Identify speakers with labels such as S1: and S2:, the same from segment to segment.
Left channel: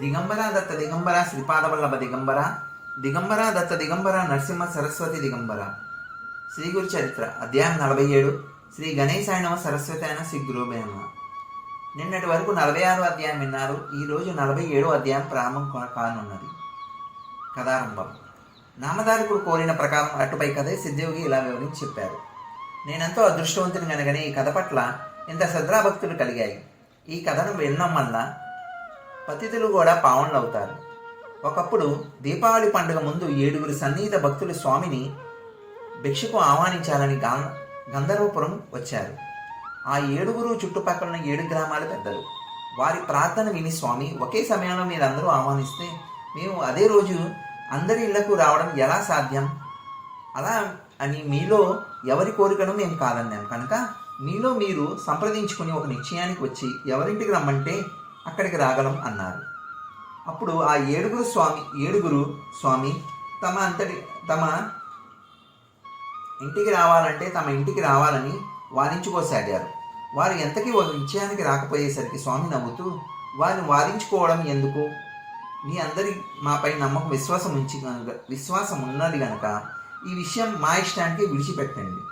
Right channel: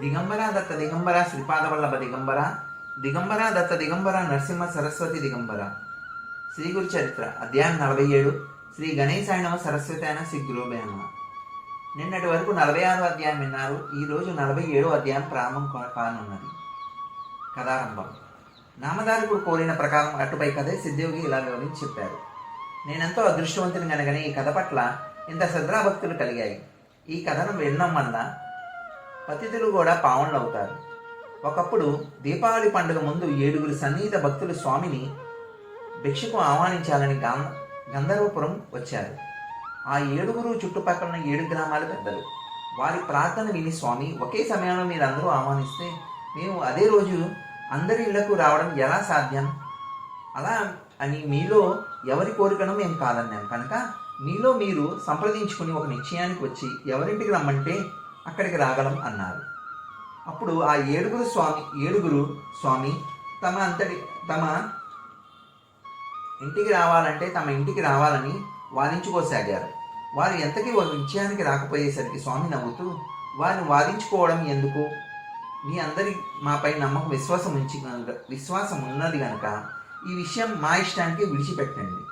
S1: దిగంబర దత్త దిగంబర శ్రీపాదవల్లభ దిగంబర దిగంబర దత్త దిగంబర నరసింహ సరస్వతి దిగంబర శ్రీ గురు చరిత్ర అధ్యాయం నలభై ఏడు శ్రీ గణేశాయనమ సరస్వతి అయిన శ్రీ గురువే నిన్నటి వరకు నలభై ఆరో అధ్యాయం విన్నారు. ఈ రోజు నలభై ఏడో అధ్యాయం ప్రారంభం కానున్నది. కథారంభం. నామధారకుడు కోరిన ప్రకారం అటుపై కథే సిద్ధయోగి ఇలా వివరించి చెప్పారు. నేనెంతో అదృష్టవంతుని కనుగని ఈ కథ పట్ల ఇంత శ్రద్ధాభక్తులు కలిగాయి. ఈ కథను వినడం వల్ల పతితులు కూడా పావనులు అవుతారు ఒకప్పుడు దీపావళి పండుగ ముందు ఏడుగురు సన్నిహిత భక్తులు స్వామిని భిక్షకు ఆహ్వానించాలని గా గంధర్వపురం వచ్చారు. ఆ ఏడుగురు చుట్టుపక్కల ఏడు గ్రామాలు పెద్దలు. వారి ప్రార్థన విని స్వామి ఒకే సమయంలో మీరు అందరూ ఆహ్వానిస్తే మేము అదే రోజు అందరి ఇళ్ళకు రావడం ఎలా సాధ్యం? అలా అని మీలో ఎవరి కోరికను మేము కాదన్నాం. కనుక మీలో మీరు సంప్రదించుకుని ఒక నిశ్చయానికి వచ్చి ఎవరింటికి రమ్మంటే అక్కడికి రాగలం అన్నారు. అప్పుడు ఆ ఏడుగురు స్వామి ఏడుగురు స్వామి తమ అంతటి తమ ఇంటికి రావాలంటే తమ ఇంటికి రావాలని వారించుకోసాగారు వారు ఎంతకీ ఒక విషయానికి రాకపోయేసరికి స్వామి నవ్వుతూ వారిని వారించుకోవడం ఎందుకు? మీ అందరి మాపై నమ్మకం విశ్వాసం ఉంచి కనుక విశ్వాసం ఉన్నది కనుక ఈ విషయం మా ఇష్టానికి విడిచిపెట్టండి.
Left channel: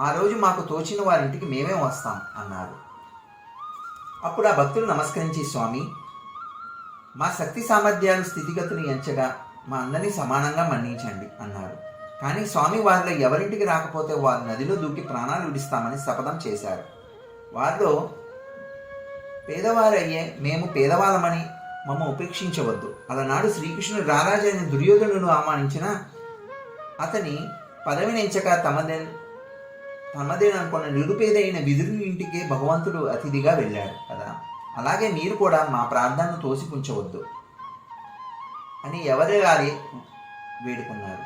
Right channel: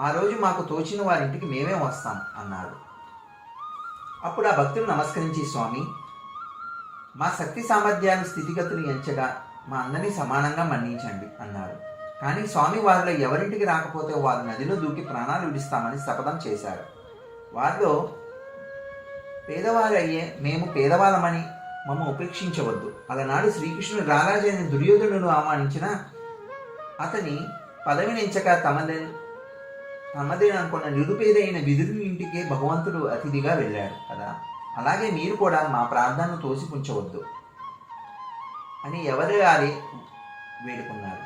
S1: ఆ రోజు మాకు తోచిన వారింటికి మేమే వస్తాం అన్నారు. అప్పుడు ఆ భక్తులు నమస్కరించి స్వామి మా శక్తి సామర్థ్యాల స్థితిగతులు ఎంచగా మా అందరినీ సమానంగా మన్నించండి అన్నారు. కానీ స్వామి వారిలో ఎవరింటికి రాకపోతే వారు నదిలో దూకి ప్రాణాలు విడిస్తామని శపథం చేశారు. వారిలో పేదవారయ్యే మేము పేదవాళ్ళమని మమ్మ ఉపేక్షించవద్దు. అలనాడు శ్రీకృష్ణుడు రారాజైన దుర్యోధనుడు ఆహ్వానించిన అతని పదవిని ఎంచక తమదే తమదేననుకున్న నిరుపేదైన విదురు ఇంటికి భగవంతుడు అతిథిగా వెళ్ళాడు కదా. అలాగే మీరు కూడా మా ప్రార్థనను తోసిపుంచవద్దు అని ఎవరి గారి వేడుకున్నారు.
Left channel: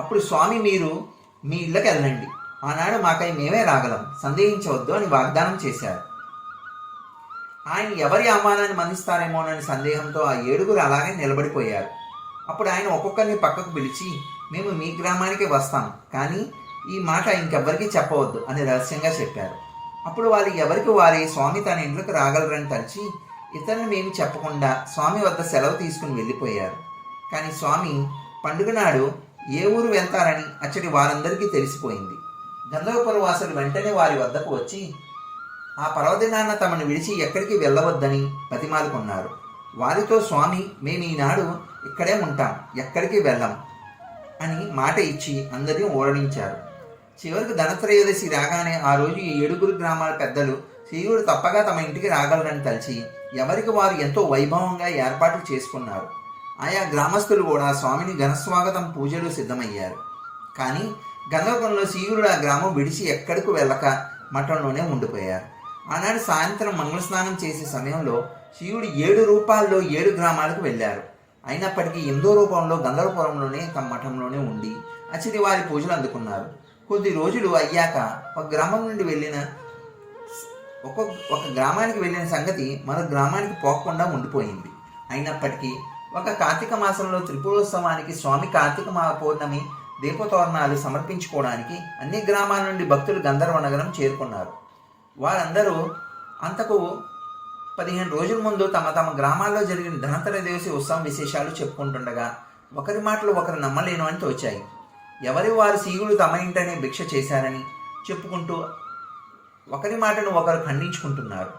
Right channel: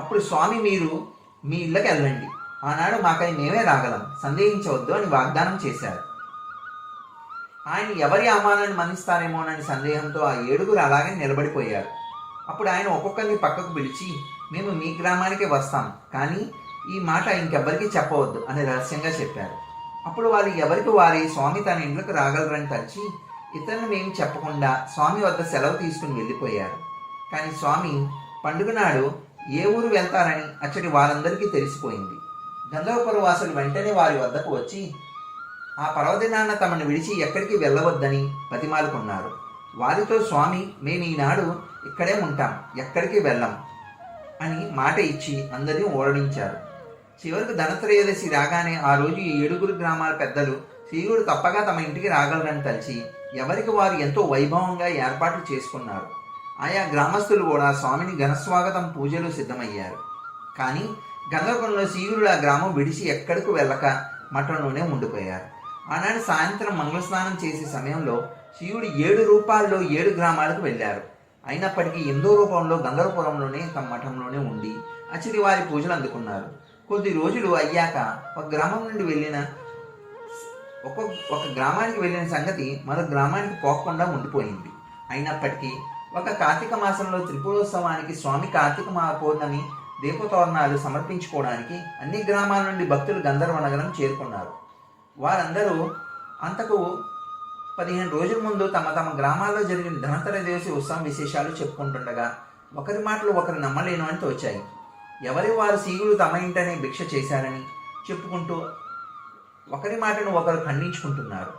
S1: అప్పుడు స్వామి మీరు మీ ఇళ్ళకి వెళ్ళండి. ఆనాడు మాకై మేమే రాగలం. సందేహించవద్దు అని వాగ్దానం చేశారు. ఆయన ఎవరి అవమానాన్ని మన్నిస్తారేమోనని సందేహంతో ఆ ఏడుగురు అలాగే నిలబడిపోయారు. అప్పుడు ఆయన ఒక్కొక్కరిని పక్కకు పిలిచి మేము మీ గ్రామానికి వస్తాం. కానీ ఈ మాట ఇంకెవ్వరికీ చెప్పవద్దు అని రహస్యంగా చెప్పారు. అప్పుడు వాళ్ళు ఎవరికి వారి స్వామి తన ఇంట్లోకి రాగలరని తలిచి ఇతరులు మేము చెప్పకుండా స్వామి వద్ద సెలవు తీసుకుని వెళ్ళిపోయారు. కానీ స్వామి పండుగ నాడు ఏ ఊరు వెళ్తారని అచ్చటి వారందరికీ తెలిసిపోయింది. గంధర్వపుర వాసులు వెంటనే వారి వద్దకు వచ్చి ఆ పర్వదినాన్న తమను విడిచి ఎక్కడికి వెళ్ళవద్దని బతిమాలుకున్నారు. వారితో స్వామి మేము ఈనాడు ఇక్కడే ఉంటాం ఎక్కడికి వెళ్ళం అని మాట ఇచ్చి అందరినీ ఓడించారు చివరికి ధనత్రయోదశి రాగానే ఆ రోజు ఈ ఏడుగురు గ్రామాల పెద్దలు శ్రీగుడు తప్పగా తమ ఇంటికి రాగలరని తలిచి ఎవరికి వారు ఎంతో వైభవంగా ఏర్పాట్లు చేసుకున్నారు. ఆయా గ్రామస్తులు కూడా స్వామిని ఘనస్వాగతం పూజలు సిద్ధమయ్యారు. కానీ గంగకొండలో శ్రీగుడు ఆ గ్రామం విడిచి ఎక్కడికి వెళ్ళక మఠంలోనే ఉండిపోయారు. ఆనాడు సాయంత్రం మంగళ స్నానం చేసే సమయంలో శివుడు ఏడు రూపాల్లో ఏడు గ్రామాలకు వెళ్ళారు. అయినప్పటికీ ఎందో రూపంలో గంధర్వపురంలోనే తమ మఠంలోనే ఉండి అచిరి వారి పూజలు అందుకున్నారు. కొద్ది రోజులు అయ్యాక ఒక గ్రామం నుండి వెళ్ళిన ఒక ఒక గ్రామానికి వెళ్ళిన సంగతి మరో గ్రామానికి పోకుండా ఉండిపోయింది. అయినప్పటికీ ఒక కార్తీక మాసంలో త్రిపురోత్సవానికి స్వామి కార్తీక మా పౌర్ణమి దీపతోరణాలు సమర్పించుకోవడానికి అన్ని గ్రామాల నుండి భక్తులు గంధర్వ నగరం చేరుకున్నారు. వారందరూ అంతకు పదిహేను రోజుల ముందు తమ తమ గ్రామాల్లో జరిగిన ధనత్రయోదశి ఉత్సవం విశేషాలు చెప్పుకుంటుండగా ఒకరి మాటలు ఒకరు నమ్మలేను అని తోచాయి. ఎవరి వారు సీగులు తమ ఇంటనే భిక్ష చేశారని చెప్పుకుంటూ ఒకరి మాటను ఒకరు ఖండించుకుంటున్నారు.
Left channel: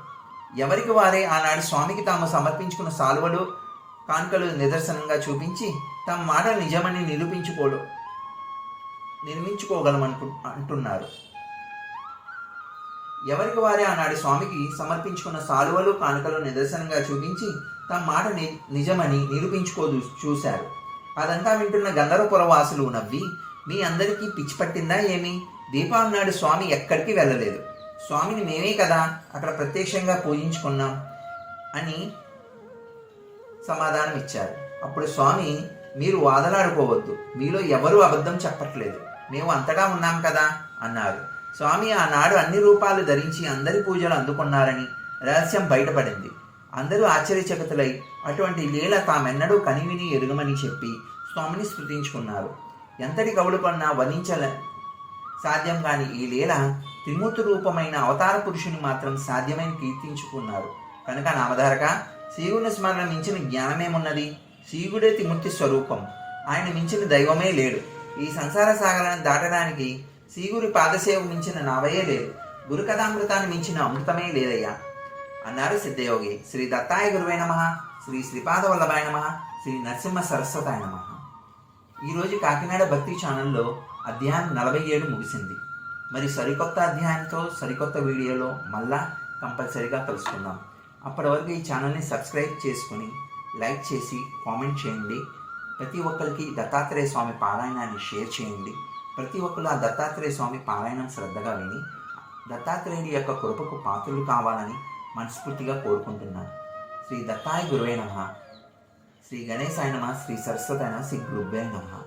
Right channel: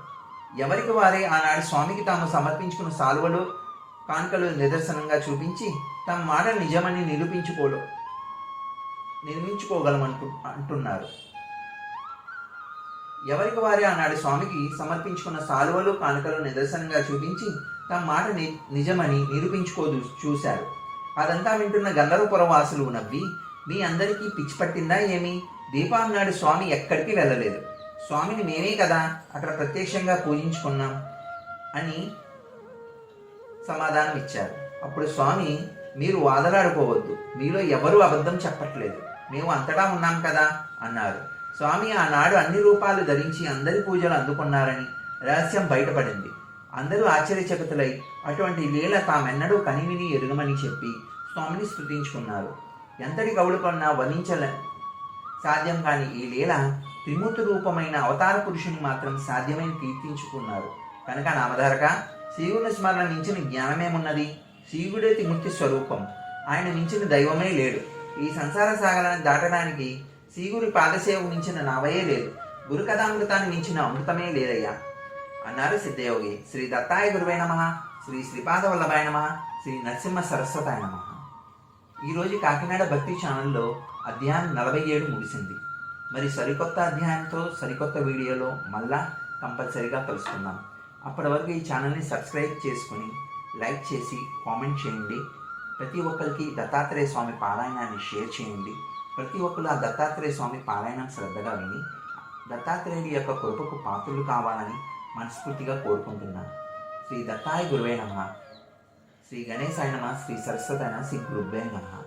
S1: ఎవరికి వారే ఆనాడు స్వామికి తాము సమర్పించుకున్న సాల్వలు కానుకలు నిదర్శనంగా చూపించి తమ మాట నిజమని నిరూపించుకోడు నిర్మించుకోగలమనుకు అంటున్నారు. ఎవరికి వారే ఆనాడు స్వామికి సమర్పించుకున్న సాలువలు కానుకలు నిదర్శనంగా చూపించి తమ మాట ని నిజమని నిరూపించుకో చూశారు. అదంతా వింటున్న గంధర్వపురవాసులు నవ్వి మీ అందరికీ పిచ్చి పట్టిందా ఏమి? దీపావళి నాడు స్వామి ఎక్కడికి వెళ్ళలేదు. స్వామిని మేమే కదా అక్కడ ప్రత్యక్షంగా పూజించుకున్నాం అని సమాధానం ఇచ్చారు. అప్పుడు స్వామి మీరు వాదలాడుకోవద్దు. మీలో ఎవరు అబద్ధం చెప్పట్లేదు. మేము అంతగా ఉన్నాం కదా అన్నారు. స్వామి ఆనాడు అన్ని రూపాలు ధరించి అందరి పూజలు అందుకున్నారని రహస్యం బయటపడింది. అందరూ ఆశ్చర్యచకితులై అటువంటి లీల తామెన్నడూ కనివిని ఎరుగమని చెప్పి స్వామిని స్మృతించుకున్నారు ఎంతటి కవులు కన్నా వర్ణించల సాధ్యం కాని ఈ లీల త్రిమూర్తి రూపమైన అవతార పురుషుని మాత్రం సాధ్యమై కీర్తించుకున్నారు. కనుక నామధారక శివుని స్మరణ మించిన జ్ఞానమేమున్నది? శివుడే త్రిమూర్తి స్వరూపం. ఆయన మించిన దైవమే లేడు. ఈ సంసార సాగరాన్ని దాటడానికి శ్రీగురి పాదసేవ మించిన నావయే లేదు. గురుకథామృతాన్ని మించిన అమృతమే లేదయ్యా. అన్నారు సిద్ధయోగి శ్రీ దత్తాయ గురువే నమ శ్రీ శ్రీపాద వల్లభాయ నమ శ్రీ నరసింహ సరస్వతాయ నమ. ఈరోజు కాకినాడ భక్తి ఛానల్లో అధ్యాయం నలభై ఏడు ముగిసింది. మరి సరికొత్త అధ్యాయంతో సరికొత్త వీడియోలో మళ్ళా కంపల్సరీగా కలుసుకుందాం అప్పటి వరకు ఈ ఛానల్ని సబ్స్క్రైబ్ చేసుకుని లైక్ చేసి కామెంట్ చేయండి. ప్రతి ఒక్కరికి దత్తాత్రేయ స్వామి పారాయణాన్ని షేర్ చేయండి. ప్రతి ఒక్కరు ఆ దత్తాత్రేయ స్వామి పారాయణం శ్రద్ధగా విని దత్తాత్రేయుడి యొక్క కృపకు పాత్రలు కావాలని మనస్ఫూర్తిగా కోరుకుంటున్నాను శ్రీ దత్తాయ గురువే నమ. శ్రీ గణేశాయ నమ. శ్రీ సరస్వతాయ నమ. శ్రీ గురువే నమ.